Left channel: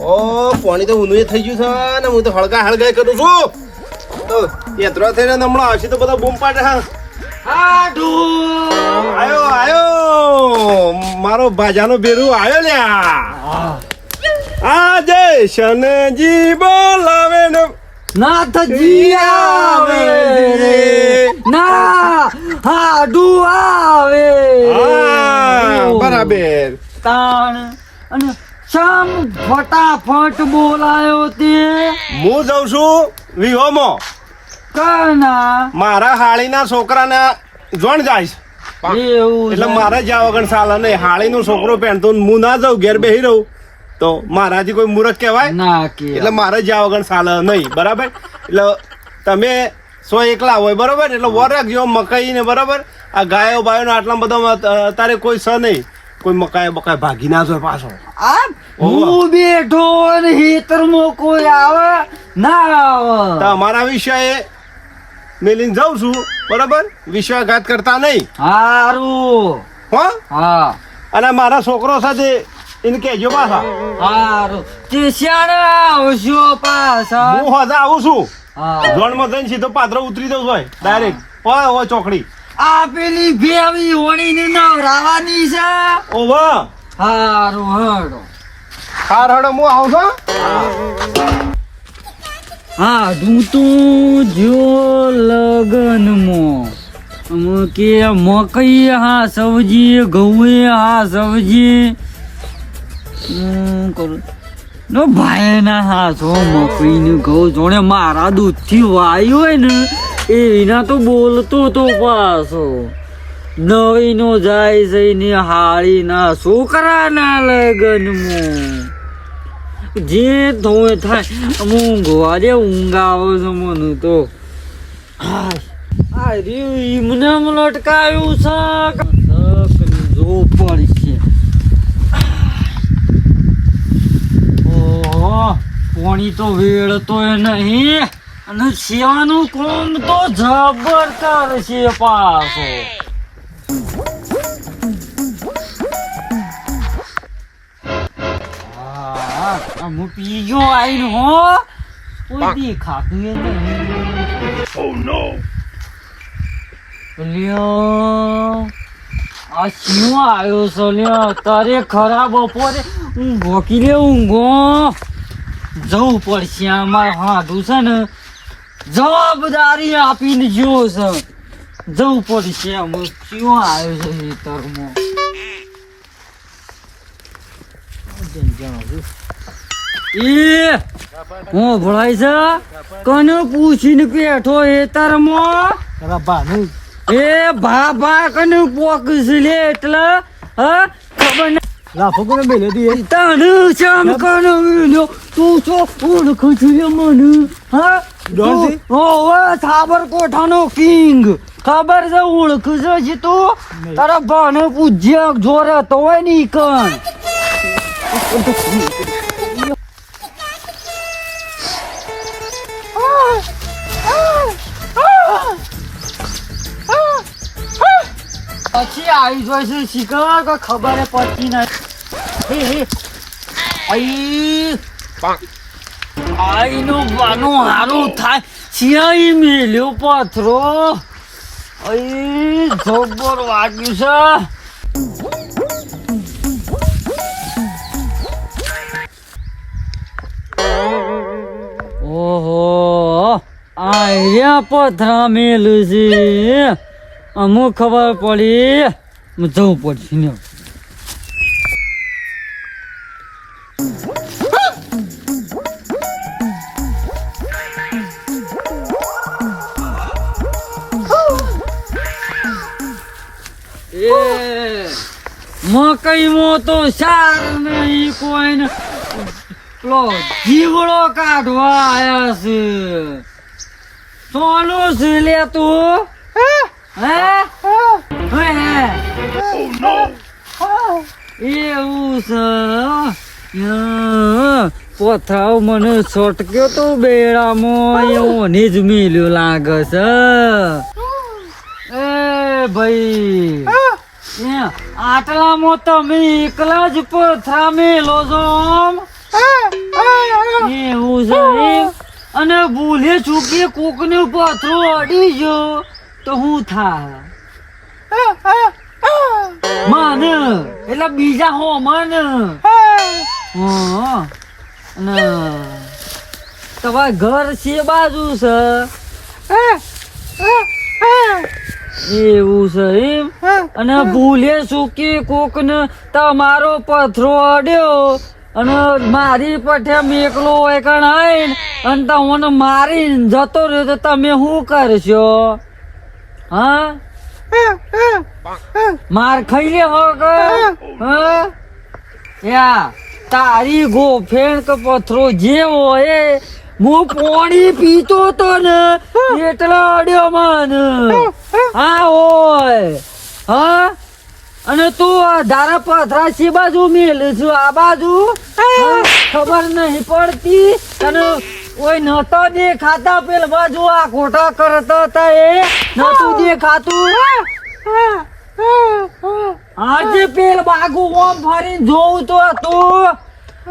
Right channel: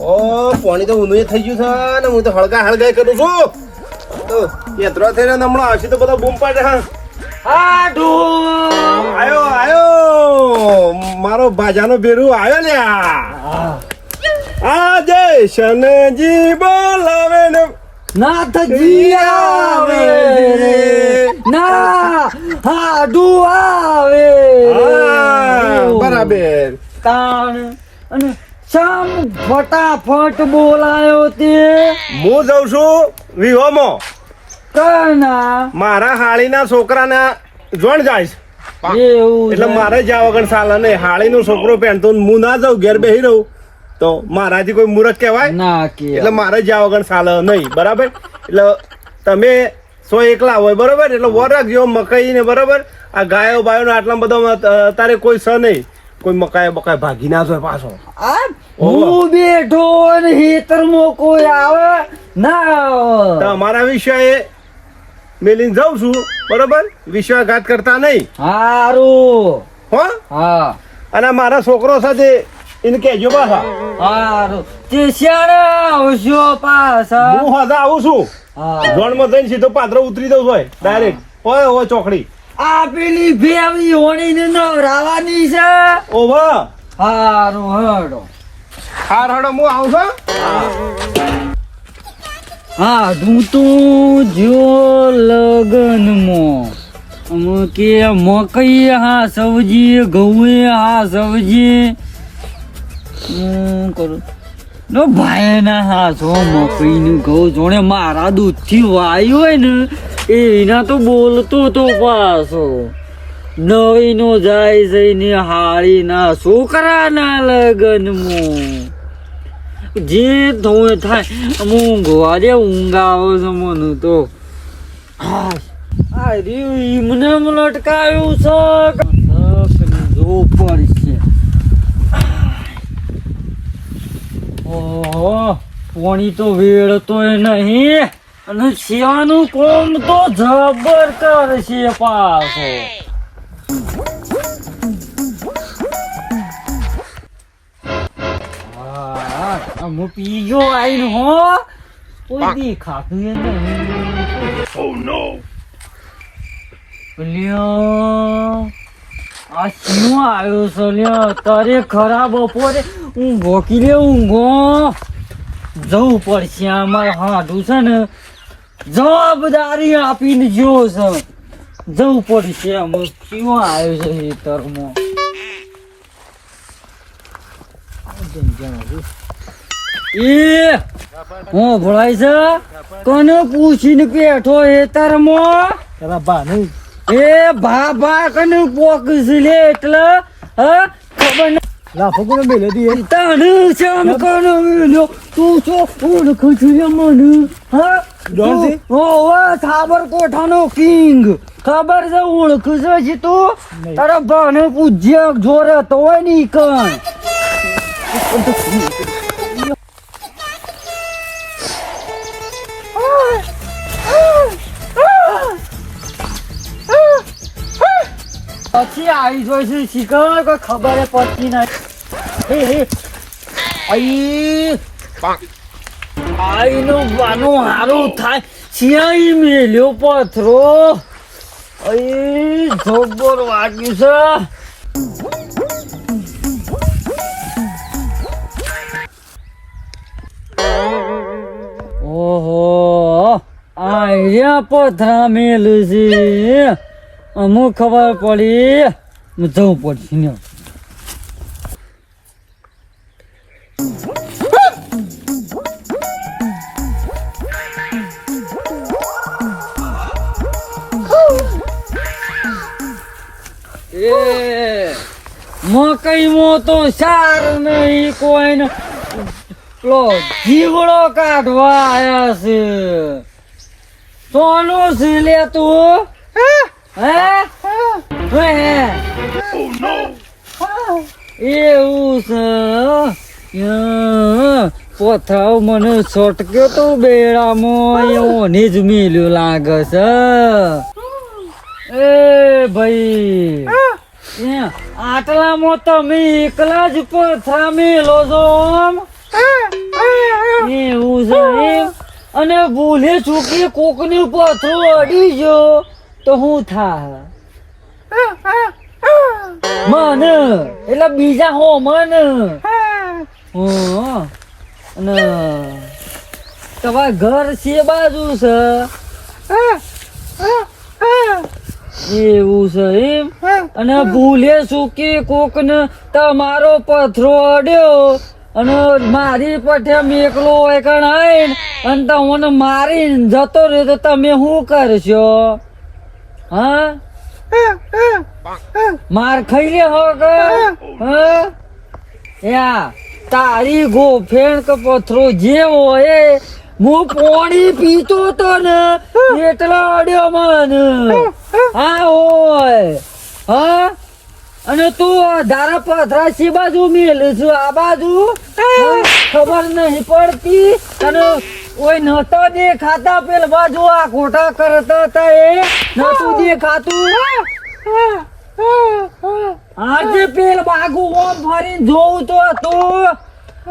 ઓ પાણી તો ઊંધું થઈ ગયું છે ને હું તો હળગાઈ કરું છું તો યત્રો થઈને હમણાં આવશે તો બધા બૂમ પાડે છે. આયો મારો ભાજાનો બેરું આવ્યો લ્યા. આ જય શનજી બોલાવે ને નાથજી આવે ના હાડુ આવે બરાબર તાણ અને શામ ફટાફટ બોલાયો તે હું જઉં છું વિહોમાં કના મારા હાળીના છોકરાને જોણ જાય એવું એટલે મારે જ્યાં વગર ચાલે નહીં. હાળીનો છોકરો પહેરતો હું ના જાઉં ઘેર બેસી રહું તો મારાથી કોઈ મૂર્ખ કહેવાય ના કે એટલે મારે જ્યાં વગર ચાલે નહીં. બરાબર એટલે તમે સો એકલા હોય બરોબર એટલે વર રાખજો મકાઈ ને બરોબર આ ગાયો બાયો ને આટલા બધા તારે કોઈ સ નહીં કોઈ મકાઈ બકાઈ ભાગી ના જાય પાછો. આ હું બેઠો ને હેતરમાં કોઈ આવે ના આવે તમારા વિષય મેલીને જાઉં છું બરોબર વિશ્વાસઘાત કરતા નહીં હારું હો. હા અને મારા છોકરો સાથે એને કહેજો પાછા હારું તે શાણે આવશો પાછા હું હજા આવું છું હા જોણમાં જઈને સીધો પાત્રો ઉતરી દઉં હોય ડાયરેક્ટ ઓય ઓય ચોકડી આ પેલી ભેવી હોણીને નવરાવાની છે ઓહો હારું હડો હાર હડો હું આવું છું. હા તું જો લગનમાં અમે કે મકઈ હા સબ્જી ઘઉં હા સબ્જી કરું નો ભાઈ ના હા છો મકઈ ને ઘઉં જોણે મારા દૂધથી વાયું હોય ને એના તો બોલતો તો પાછો નવી નો જાય જઈને હાળી ના છોકરાના લગનમાં જે ધોય થાય ઊંઘવા દે ઊંઘ આવે છે મને તો મને લટકાયું છે જો પડશે ઓહો પાણી તો વેળતોય નહીં અને સેવાનું કોમ તો જબર કરશે પાછો હું પીજો આવીને હો કોઈ દી ખાતું Oh no. લ્યો આ શું આવ્યો છે લ્યો તારે ખરાબ બપોરે ઊંઘો લે ઊંઘો જવું પડશે અમારે હાડું છે ને જવાબદારી આપીને જો છે જવું પડશે અમે શું આવ્યો છે ખેતરમાં એ હું ભળાય છે કને પૂછીને બેઠો ખેતરમાં એ ભા કને પોકસ લે એટલે હા ખબર ને લાફો કોને બેલે દી તને શામ કને મેલ્યો તું છો ઓળખું છું મને હા ડોન ઓવે થાબર કોઠાનો કિંગ ખબર છે ઓળખું છે તું તારા ભાને પૂજ્ય જોરે તો હોય ની કણ પછી આવી જોઈશે શીખર કોઈ ખબર પડતી નથી આઈનો વાનો હારું થાય સિયાઈ મેલ્યો પથરો જબર વાગ્યું છે ઓહો આયા પથરા મેલું છે અમુક ખબર પડી જવું પડશે ને મકઈમાં તો સાર નહીં કોઈને પેલો જીવડો કાઢવા આયા છે સોનું છે લે તું એવું છે પથરાવ મને છટક્યો તો બેડામાં એઓને જ મેલ્યો લાગે છે એ ભાઈ આટલામાં તમે એકલા જ પથરા મેલો છો એવું છે એમ? અને ભૂલે ચૂકી કોકનું પથરું અડી ગયો તો હું થા મને એટલે બીજા હો મને અને તમારે ઘર છે બાજુ છે એવું છે એમ? અને ભૂલે ચૂકી કોક ને તમારો પથરો અડ્યો અને મારી પઠે મેકલો હોય કણ આઈને અને તમને મારીને જતો રહ્યો તો તમે શું કરશો? હા માર ખાઈ લે હો કે હા? યા તારી ગોફેણ કે પથરો જે હોય હું પાણી પીતો તો ને એટલો અડ્યો મને હા હોય હા? અને તું ધારા પથરા છે બાજુ મેલ છું આ બાજુ ખબર નહીં પડતી અને કોઈ નતો દેખાતા પેલ બાજુ આ ખોટા કરતા હતા એ નતું દેખાતું આજે પેલ બાગુ ઓમ ફરીને જોઉં તો હતું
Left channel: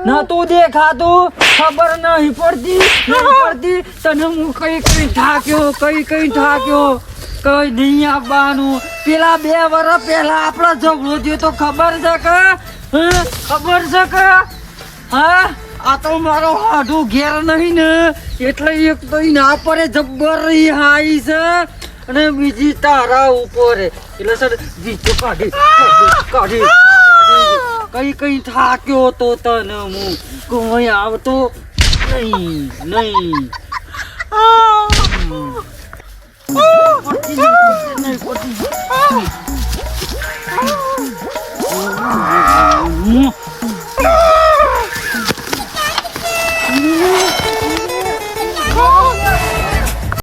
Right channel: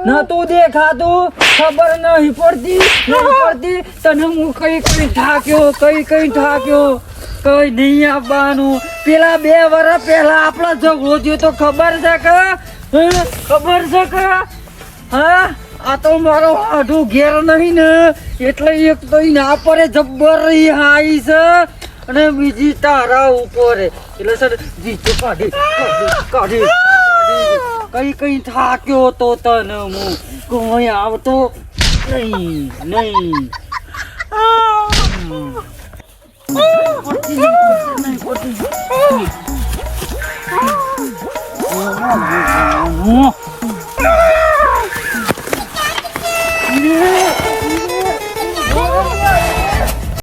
નતું દેખાતું ખબર નહીં પડતી તને હું કઈ ઠાક્યો કઈ ઠાક્યો કઈ નહીં આપવાનું પેલા 2 વર્ષ પહેલા આપણો ઝઘડો થયો તો ખબર છે કે ખબર છે કે હા? આ તો મારો હાડું ઘેર નહીં ને એટલે એક તો ના પડે જબ્બર હાઈ છે અને બીજી તારા ઉપર એટલે સર જીતો કાઢી કઈ થાક્યો તો તને હું કોઈ આવતો નહીં